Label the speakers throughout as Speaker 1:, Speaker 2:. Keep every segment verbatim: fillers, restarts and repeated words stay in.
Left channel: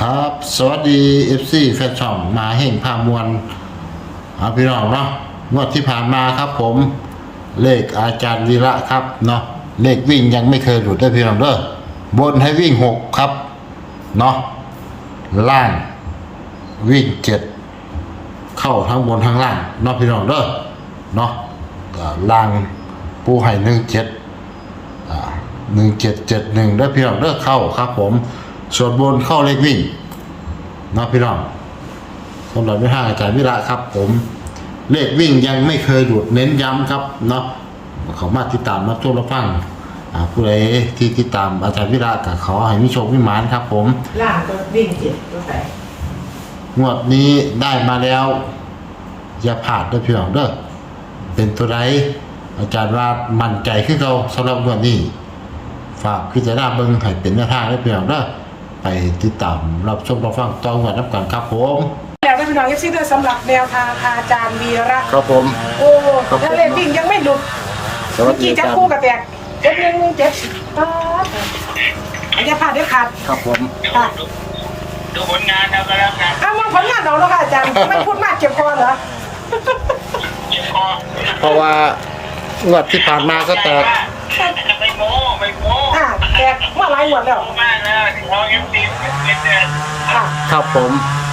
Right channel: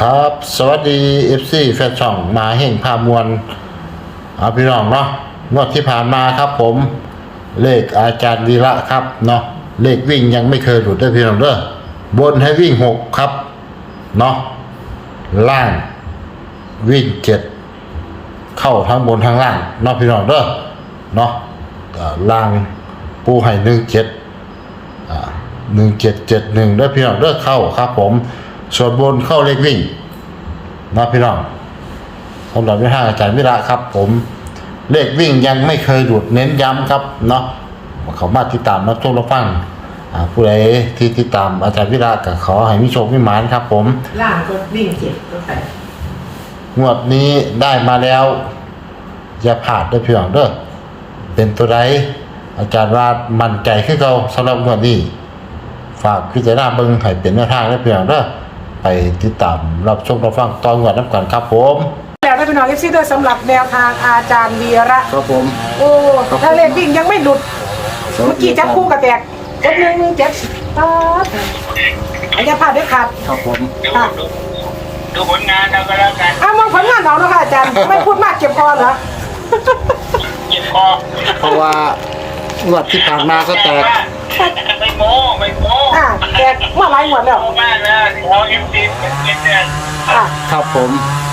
Speaker 1: ครับสวัสดี เอฟ ซี แฟนช่องมาแห่งพามวลเอาพี่น้องเนาะงวดที่ผ่านมาครับผมเลขอาจารย์วีระครับเนาะเลขวิ่งยังไม่เคยหลุดได้พี่น้องเด้อบนให้วิ่งหกครับเนาะล่างวิ่งเจ็ดเข้าทั้งบนทั้งล่างเนาะพี่น้องเด้อเนาะล่างปูให้หนึ่งเจ็ดอ่าหนึ่งเจ็ดเจ็ดหนึ่งได้พี่น้องเด้อเข้าครับผมส่วนบนเข้าเลขวิ่งนะพี่น้องสำหรับวิหารอาจารย์วิระครับผมเลขวิ่งยังไม่เคยหลุดเน้นย้ำครับเนาะเขามาติดตามรับชมรับฟังผู้ใดที่ติดตามอาจารย์วิระก็ขอให้มีโชคมีหมานครับผม
Speaker 2: ล่างก็วิ่งเจ็ดก็แปด
Speaker 1: งวดนี้ได้มาแล้วอย่าพลาดด้วยพี่น้องเด้อเป็นตัวใดอาจารย์ว่ามั่นใจขึ้นเราสำหรับงวดนี้ฝากพิจารณาเบิ่งให้เป็นแนวทางได้พี่น้องเด้อไปติดตามรับชมรับฟังตอนก่อนน้ำกันครับผม
Speaker 2: แล้วได้เป็นหน่อยเอฟซีด้วยสำหรับแนวทางอาจารย์วีระ
Speaker 1: ครับผม
Speaker 2: โอ้ถ้าเล่นวิ่งยังไม่หลุดเมื่อกี้จับคู่กับแตกเจ็ดหนึ่งหนึ่งเจ็ดป๊าบอาจจะพลาดได้ขาด
Speaker 1: ครับผม
Speaker 2: ค่ะ
Speaker 3: ดูผลงานเราไปแล้วกัน
Speaker 2: อ้าวมองผลงานเอาแล้วค่ะอาจารย์ไม่พูดมากเจ็บคอเหรอ
Speaker 3: เจ็บคอ
Speaker 1: เพราะว่างวดที่ผ่านมาก็แตก
Speaker 3: ไม่โม้ไม่โม้
Speaker 2: อ่าแตกเมื่อไรหมดแล้ว
Speaker 3: โม้มากนะเราเอ็มซีเป็นเดือน
Speaker 1: ครับผม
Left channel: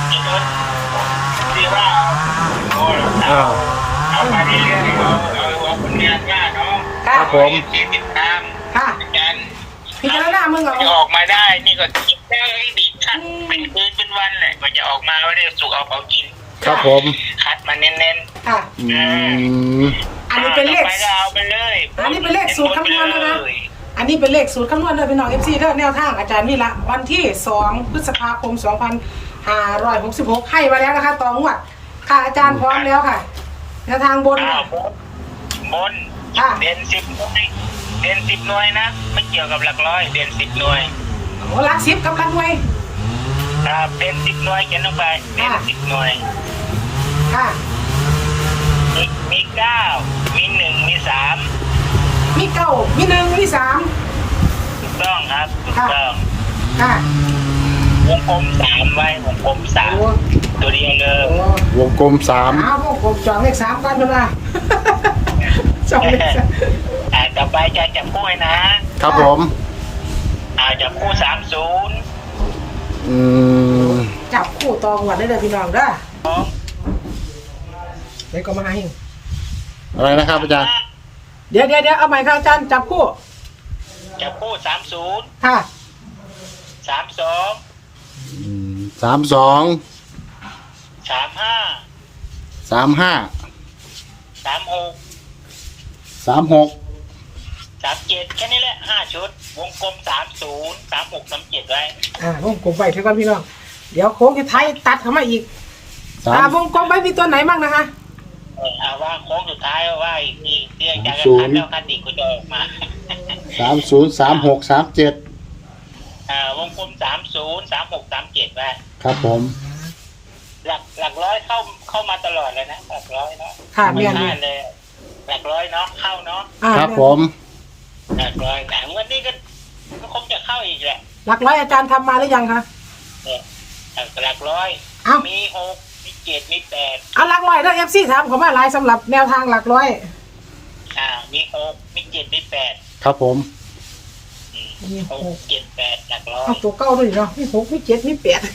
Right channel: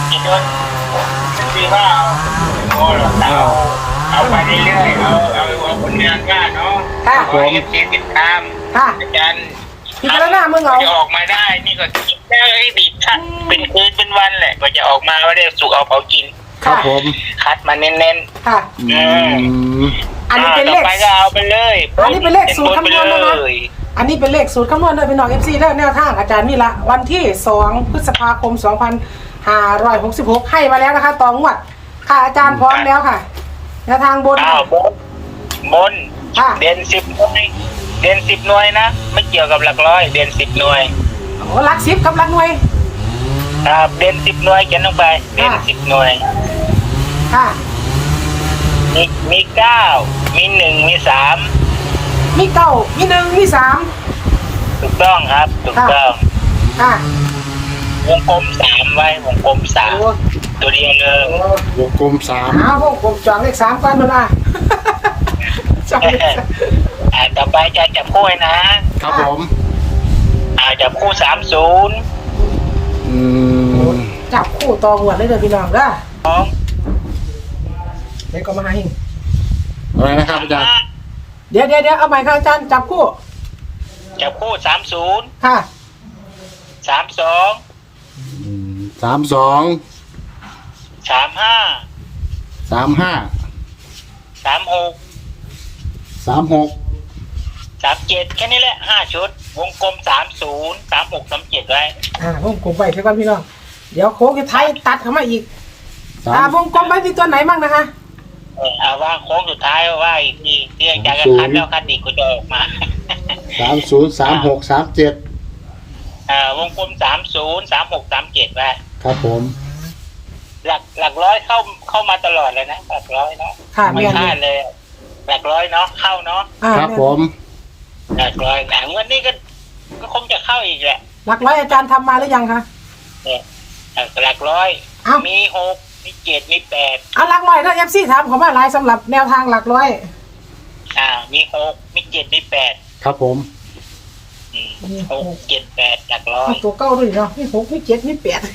Speaker 3: ที่ว่าโอ้เราเอาไปเรื่อยๆเอาเอาเอาผลงานก้าเนาะ
Speaker 1: ครับผม
Speaker 3: ที่ติดตามอาจารย์
Speaker 2: พิจารณามึงเอา
Speaker 3: จะออกมาได้นี่ก็คิดได้ดีชัดเป็นคืนเป็นวันแหละกว่าจะออกมาว่าได้สุกเอาเผากิน
Speaker 1: ครับผม
Speaker 3: คัดมาเน้น
Speaker 2: ๆค่ะอันนี้เป็นเลข
Speaker 3: เอาไปเลย
Speaker 2: อันนี้เป็นเลขสูตรคำนวณนะคะอันนี้เป็นเลขสูตรคำนวณเลยพี่น้องเอฟซีแนวทางอาจารย์วีระวันที่สองพฤษภาคมสองพันห้าร้อยหกสิบหกให้มาแล้วนะคะต่องวดค่ะอาจารย์พร้อมแล้วค่ะแนวทางบน
Speaker 3: บนเด่นสิบหน่วยเด่นสิบหน่วยนะไม่เกี่ยวกับหลักร้อยเด่นสิบหน่วย
Speaker 2: โอ้หลักสิบกับหลักหน่วย
Speaker 3: ครับเด่นสิบหน่วยเขียนลงไปเด่นสิบหน่วย
Speaker 2: ค่ะ
Speaker 3: มีมีเก้ามีหนึ่งมีสาม
Speaker 2: มีเก้ามีหนึ่งมีสาม
Speaker 3: ถูกต้องครับถูกต้อง
Speaker 2: ค่ะ
Speaker 3: วงกลมสามไว้วงกลมสามตัวเดียวเลยว
Speaker 1: งกลมสาม
Speaker 2: อ้าววงกลมจองเลขสามกันมาละ
Speaker 3: จองเลขสามอ่าต่อไปจะจับคู่นะครับ
Speaker 1: ผม
Speaker 3: อ่าจับคู่สามศูนย์
Speaker 1: อืม
Speaker 2: จับคู่ต่อหมวดได้เลยพี่น้องเด้อ
Speaker 3: สอง
Speaker 2: เดี๋ยวก็มาให้
Speaker 1: อะไรนะครับอาจารย์
Speaker 2: เดี๋ยวเดี๋ยวเดี๋ยวเอาใหม่ครับอาจารย์จับคู่
Speaker 3: จับคู่สามศูนย์
Speaker 2: ค่ะ
Speaker 3: สามสอง
Speaker 1: สามสอง
Speaker 3: สามห้า
Speaker 1: สามห้า
Speaker 3: สามหก
Speaker 1: สามหก
Speaker 3: สามเจ็ดแค่นี้แหละห้าชุดวงกลมสามศูนย์สามหกสามเจ็ดไว้
Speaker 2: อ่าวงกลมไปเพื่อนพี่น้องเดี๋ยวโค้งท้ายตัดเข้ามาอีกอ่าวงกลมไปมีตัวไหนบ้างนะคะ
Speaker 3: เออเอาว่าโค้งสุดท้ายว่าอีกทีที่อาจารย์คัดแล้วคัดอีกก็จะออกมา
Speaker 1: สามศูนย์สามหกสามเจ็ด
Speaker 3: อ่าวงกลมสามศูนย์สามหกสามเจ็ดไว้
Speaker 1: ครับผม
Speaker 3: หลักหลักร้อยเข้าเข้ามาตลอดเลยนะหลักร้อยนะ
Speaker 2: ค่ะไม่
Speaker 3: พลาดเลยหลักร้อยเนาะเข้าเนาะ
Speaker 1: ครับผม
Speaker 3: หลักร้อยแต่เงินนี่ก็ก็คงจะเข้าอีกแหละ
Speaker 2: หลักร้อยอาจารย์ทำมาหรือยังคะ
Speaker 3: เนี่ยหลักร้อยมีหกมีเจ็ดมีแปด
Speaker 2: เอาหลักร้อยนะเอฟซีถามเขามาหลายสำหรับแนวทางหลักร้อย
Speaker 3: อ่ามีหกมีเจ็ดมีแปด
Speaker 1: ครับผม
Speaker 3: หกเจ็ดแปดหลักร้อย
Speaker 2: ตัวเก้าด้วยเนาะมีหกมีเจ็ดมีแปด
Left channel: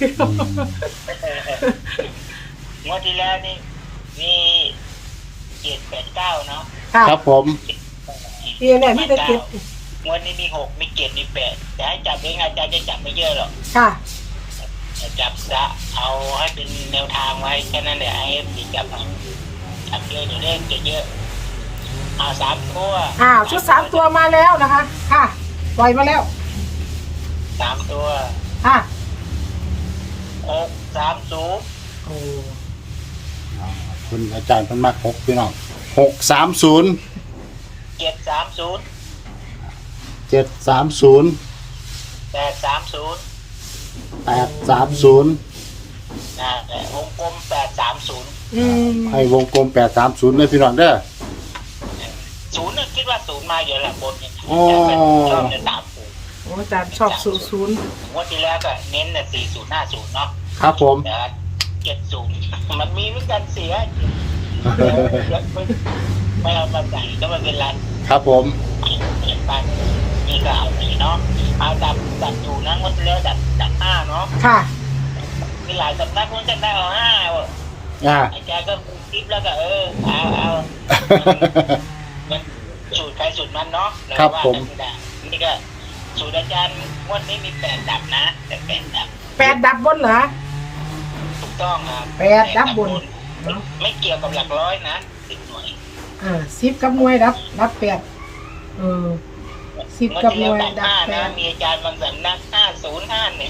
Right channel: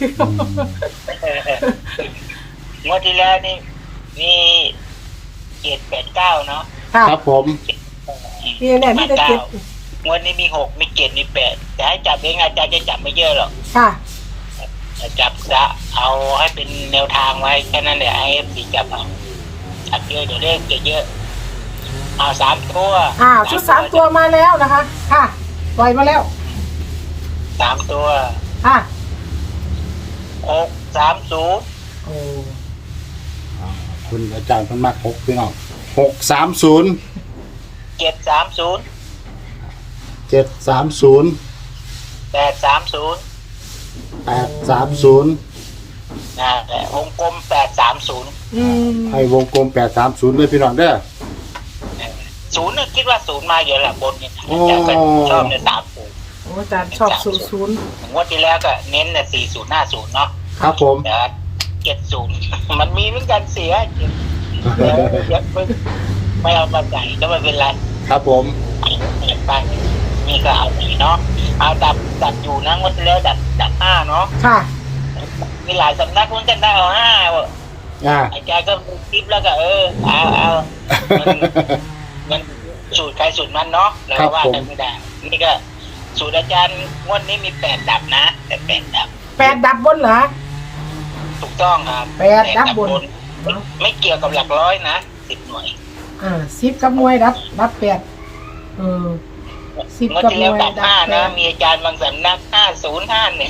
Speaker 3: งวดที่แล้วนี่มีเจ็ดแปดเก้าเนาะ
Speaker 1: ครับผม
Speaker 2: นี่แหละมีแต่เจ็ด
Speaker 3: งวดนี้มีหกมีเจ็ดมีแปดแต่ให้จับเองอาจารย์จะจับไม่เยอะหรอก
Speaker 2: ค่ะ
Speaker 3: จับจะเอาให้เป็นแนวทางไว้แค่นั้นแหละให้ปีจับเอาจับเยอะเดี๋ยวเลขจะเยอะเอาสามตัว
Speaker 2: อ้าวชุดสามตัวมาแล้วนะคะค่ะปล่อยมาแล้ว
Speaker 3: สามตัว
Speaker 2: ค่ะ
Speaker 3: หกสามศูนย์
Speaker 2: โอ้
Speaker 1: คุณอาจารย์เพิ่นมาหกพี่น้องหกสามศูนย์
Speaker 3: เจ็ดสามศูนย์
Speaker 1: เจ็ดสามศูนย์
Speaker 3: แปดสามศูนย์
Speaker 1: แปดสามศูนย์
Speaker 3: อ่าวงกลมแปดสามศูนย์
Speaker 1: ให้วงกลมแปดสามศูนย์เลยพี่น้องเด้อ
Speaker 3: ศูนย์เนี่ยคิดว่าศูนย์มาเยอะแหละบนเนี่ยชอบในสามศูนย์
Speaker 2: อาจารย์ชอบศูนย์ศูนย์
Speaker 3: งวดที่แล้วก็เน้นแต่สี่ศูนย์ห้าศูนย์เนาะ
Speaker 1: ครับผม
Speaker 3: แต่เจ็ดศูนย์มันมีเหมือนกันเสียเดี๋ยวไม่ไม่เอามาใส่ก็ไม่เป็นไร
Speaker 1: ครับผม
Speaker 3: ไปนี่ก็เอาไปเนาะเอาดับดับอยู่นะงวดที่แล้วดับดับห้าเนาะ
Speaker 2: ค่ะ
Speaker 3: มีหลายสำนักเหมือนกันได้เอาห้าว่ะ
Speaker 1: อ่า
Speaker 3: ไอ้แกก็คลิปแล้วก็เออเอาเอามันมันสูตรใครสูตรมันเนาะเราว่ากันไม่ได้นี่ก็สูตรอาจารย์งวดนี้มีแปดดับนะแต่แปดดับ
Speaker 2: แปดดับบนเหรอ
Speaker 3: ถูกต้องครับ
Speaker 2: แปดดับบน
Speaker 3: ไม่ไม่เกี่ยวกับหลักร้อยนะสิบหน่วย
Speaker 2: อ่าสิบกับหน่วยดับดับแปดเออ สิบ
Speaker 3: เมื่อ
Speaker 2: กับ
Speaker 3: ที่
Speaker 2: หน่
Speaker 3: แล้ว
Speaker 2: วย
Speaker 3: ดับ
Speaker 2: ดับ
Speaker 3: ห้า
Speaker 2: แป
Speaker 3: นะ
Speaker 2: ด
Speaker 3: มีอาจารย์บางสำนักห้าศูนย์ห้าเนี่ย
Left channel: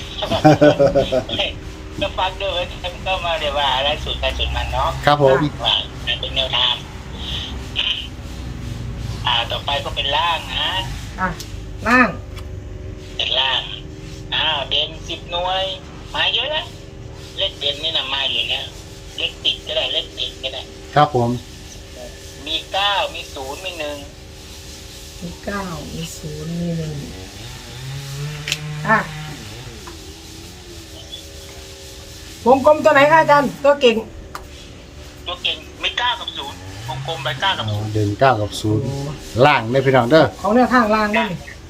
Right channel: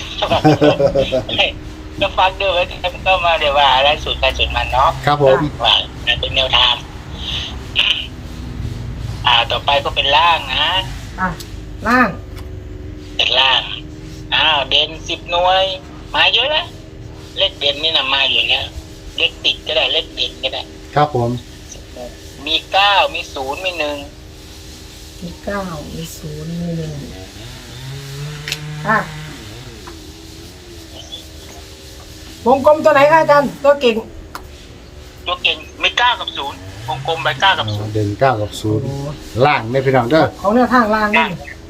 Speaker 3: ก็ฟังด้วยก็มาเดี๋ยวว่าอะไรสูตรใครสูตรมันเนาะ
Speaker 1: ครับผม
Speaker 3: ว่าเป็นแนวทางอ่าต่อไปก็เป็นล่างนะ
Speaker 2: อ่ะล่าง
Speaker 3: เป็นล่างอ้าวเด่นสิบหน่วยมาเยอะแล้วเลขเด่นนี่นะมาอยู่เนี่ยเลขติดก็ได้เลขเด่นก็ได้
Speaker 1: ครับผม
Speaker 3: มีเก้ามีศูนย์มีหนึ่ง
Speaker 2: มีเก้ามีศูนย์มีหนึ่งค่ะวงกลมตัวไหนคะอาจารย์ตัวเก่ง
Speaker 3: ตัวเก่งมีเก้ากับศูนย์วงกลมไปเก้ากับศูนย์
Speaker 1: เดินเก้ากับศูนย์ล่างไม่พี่น้องเด้อ
Speaker 2: ของแนวทางล่างนี่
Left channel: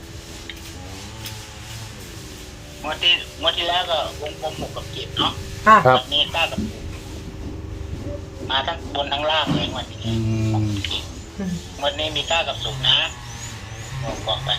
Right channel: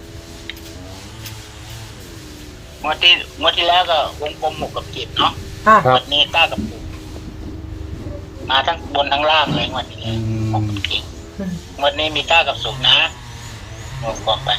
Speaker 3: งวดที่งวดที่แล้วก็วงกลมหกกับเจ็ดเนาะ
Speaker 2: ค่ะ
Speaker 3: วันนี้เก้ากับศูนย์มาทั้งบนทั้งล่างเลยงวันนี้
Speaker 1: อื
Speaker 3: หก
Speaker 1: ม
Speaker 3: กับเจ็ดงวันนี้มีเก้ากับศูนย์นะวงกลมไป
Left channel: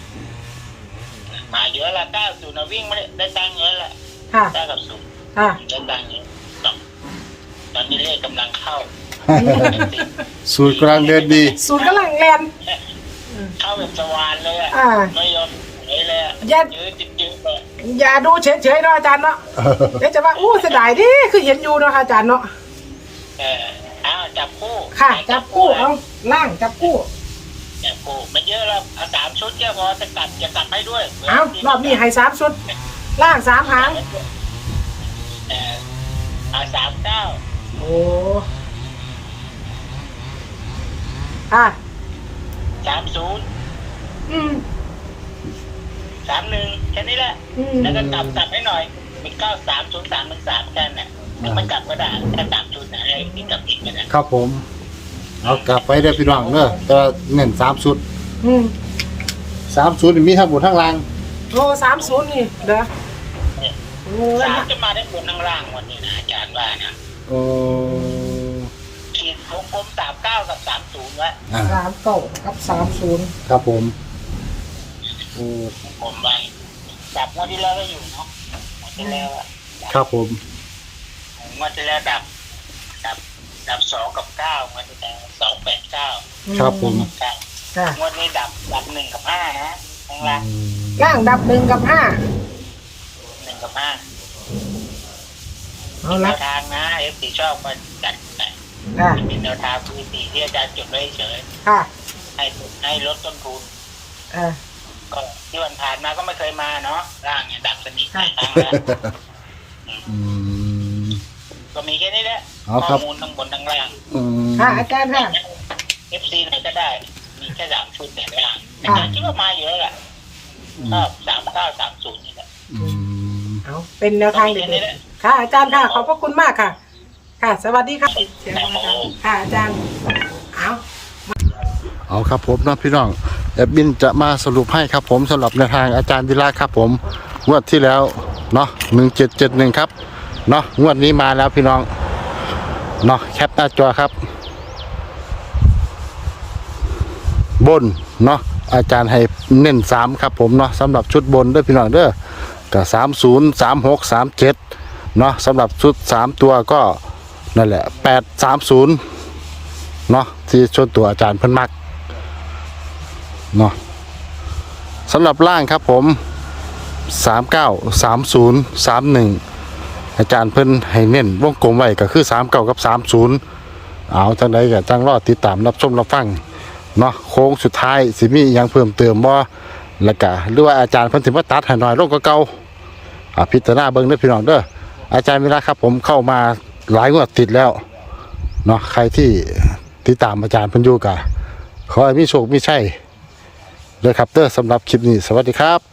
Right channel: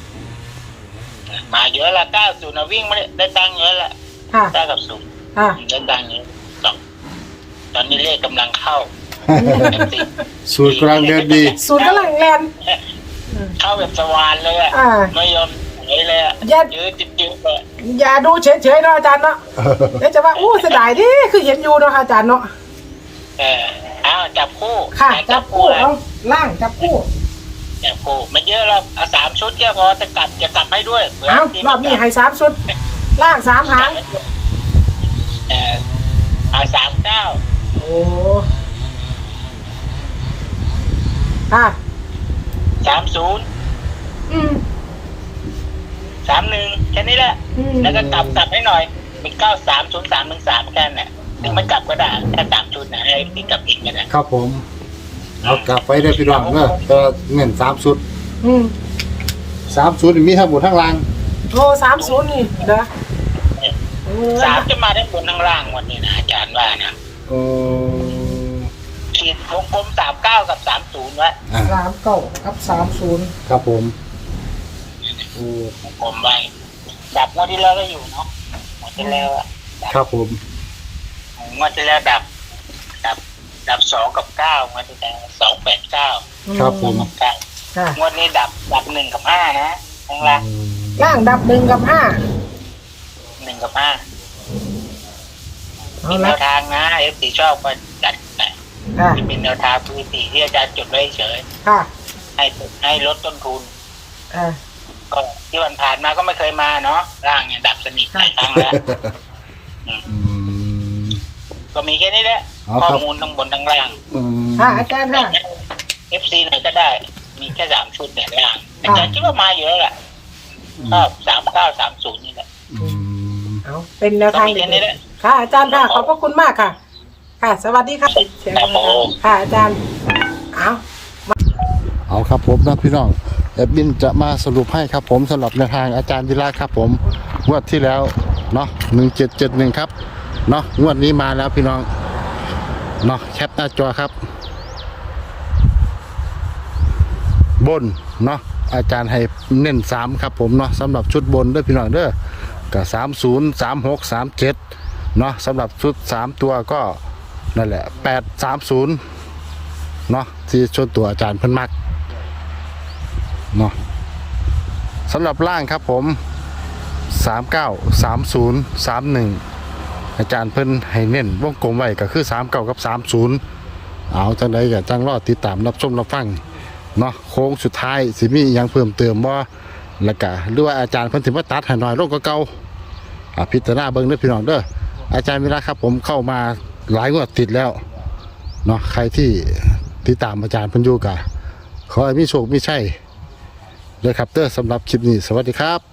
Speaker 3: มาเยอะละเก้าศูนย์นะวิ่งไม่ได้ได้ตังค์เยอะละ
Speaker 2: ค่ะ
Speaker 3: เก้ากับศูนย์
Speaker 2: ค่ะ
Speaker 3: ได้ตังค์เยอะตอนตอนนี้เลขกำลังเข้า
Speaker 1: สูตรกำลังเดินดี
Speaker 2: ศูนย์กำลังแลน
Speaker 3: เข้าแบบสวานเลยอะ
Speaker 2: อ่า
Speaker 3: ไม่ยอมไหนเลยอะ
Speaker 2: ยัด
Speaker 3: ยืดจิ๊บๆเลย
Speaker 2: อย่าดูเฉยๆเนาะอาจารย์เนาะเดี๋ยวจะว่าอู้เสียดายดิคือเห็นอยู่เนาะอาจารย์เนาะ
Speaker 3: เอออ้าวจับคู่
Speaker 2: ค่ะ จับคู่เอาล่างจับคู่
Speaker 3: จับคู่ไม่เยอะหรอกเอาสามชุดแค่พอจะกลับจะกลับให้ด้วย
Speaker 2: เอารอบนี้ให้สามชุด ล่างสามหาง
Speaker 3: เออเอาสามเก้า
Speaker 2: โอ้ค่ะ
Speaker 3: สามศูนย์
Speaker 2: อืม
Speaker 3: สามหนึ่งแค่นี้แหละ
Speaker 2: อืม
Speaker 3: แล้วก็กลับกลับให้หน่อยมีเก้าสามศูนย์สามหนึ่งสามแค่นั้นแหละมันกลับก็ได้แค่สามชุดนะให้ที่กลับอีกก็ได้
Speaker 1: ครับผม เอากลับไปได้อพี่น้องเด้อแต่เงินสามชุด
Speaker 2: อืม
Speaker 1: สามชุดนี่มีทั้งหมดทั้งล่าง
Speaker 2: โอ้สามศูนย์นี่เด้อโอ้
Speaker 3: สามจะมาได้บนข้างล่างวันนี้นะอาจารย์ว่านะ
Speaker 1: โอ้
Speaker 3: ขีดวงกลมสามเก้ากับสามศูนย์ไว้
Speaker 1: อ่า
Speaker 2: สามเก้ากับสามศูนย์
Speaker 1: ครับผมโอ้
Speaker 3: วงกลมไว้ดับงวดที่แล้วก็อยู่เนาะงวดที่แล้วอะดับ
Speaker 1: ครับผม
Speaker 3: งวดที่แล้วดับ ดับ ดับสองกับเก้างวดที่แล้วสองแปดเก้า
Speaker 1: ครับผม
Speaker 3: กับเก้า
Speaker 2: ค่ะ
Speaker 3: งวดนี้ดับดับหนึ่งกับห้านะข้างล่าง
Speaker 1: อืม
Speaker 2: ล่างดับหนึ่งกับห้า
Speaker 3: หนึ่งกับห้า
Speaker 2: เอา
Speaker 3: เป็นแน
Speaker 2: ละ
Speaker 3: วทางนะเอฟซีชอบก็จัดไป
Speaker 2: ค่ะ
Speaker 3: เป็นแนวทางคือสี่ที่อาจารย์จดไว้เฉย
Speaker 2: ค่ะ
Speaker 3: ให้ให้ลดต้นทุน
Speaker 2: เออ
Speaker 3: ก็ที่วันผ่านมาก็ไม่เคยมาเนาะร่างเนี่ยดับสนิทหลายครั้งแล้ว
Speaker 1: อืม
Speaker 3: ก็มีแค่นี้แหละ
Speaker 1: เอาครั
Speaker 3: ข้อบ มูลทั้งบนทั้งล่าง
Speaker 1: อืม
Speaker 2: ค่ะอาจารย์ค่ะ
Speaker 3: เอฟซีไหนก็ได้ มีแค่สามชุดแต่ล่างอาจารย์คิดว่ามาอยู่แล้วแหละชอบสามเก้าสามศูนย์นี่แหละ
Speaker 1: อืม
Speaker 2: เอาเป็นแนวทาง
Speaker 3: ก็มีแค่นี้แหละ
Speaker 2: ค่ะอาจารย์ค่ะขอบพระคุณมากค่ะ ค่ะ สวัสดีค่ะเสียงนะคะค่ะอาจารย์เอา
Speaker 1: เอาครับผมเนาะพี่น้องแอดมินจะมาสรุปให้ครับผมสำหรับแนวทางอาจารย์วิระครับผมงวดที่แล้วเนาะหนึ่งเจ็ดเจ็ดหนึ่งครับเนาะงวดนี้มาแล้วพี่น้องเนาะแคปหน้าจอครับ บนเนาะอาจารย์ให้เน้นสามครับผมเนาะสำหรับชุดบนด้วยพี่น้องเด้อก็สามศูนย์สามหกสามเจ็ดเนาะสำหรับชุดสามตัวก็นั่นแหละแปดสามศูนย์เนาะที่ชุดตัวอาจารย์เพิ่นมักเนาะสำหรับล่างครับผมสามเก้าสามศูนย์สามหนึ่งอาจารย์เพิ่นให้เน้นวงกลมไว้ก็คือสามเก้ากับสามศูนย์เอาจังใดก็จังรอติดตามรับชมรับฟังเนาะโค้งสุดท้ายสิมีอหยังเพิ่มเติมบ่แล้วก็หรือว่าอาจารย์เพิ่นสิมาตัดให้หน่อยลงกว่าเก่าอ่ะพิจารณาเบิ่งเด้อพี่น้องเด้ออาจารย์วิระครับผมเข้ามาหลายงวดติดแล้วเนาะใครที่ติดตามอาจารย์เพิ่นอยู่ก็ขอให้มีโชคมีชัยเด้อครับเด้อสำหรับคลิปนี้สวัสดีครับ